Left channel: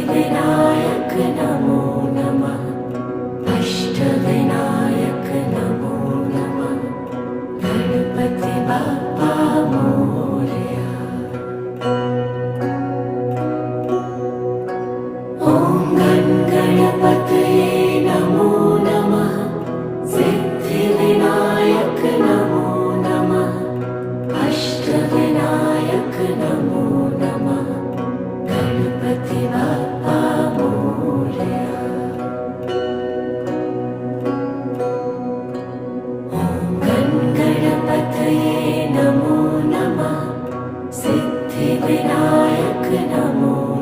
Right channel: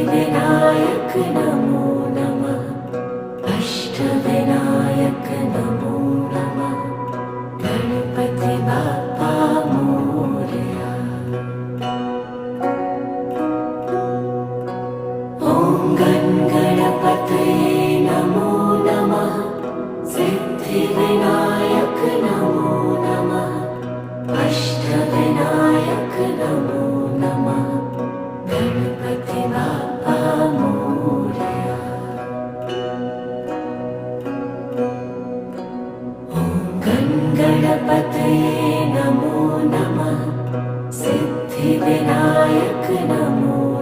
सिद्धिविनायक नमो. नमः अष्टविनायक नमो नमः गणपति बाप्पा मोरया ॐ गणगणपतये नमो नमः. सिद्धिविनायक नमो नमः. अष्टविनायक नमः गणगणपतये नमो नमः। सिद्धिविनायक नमो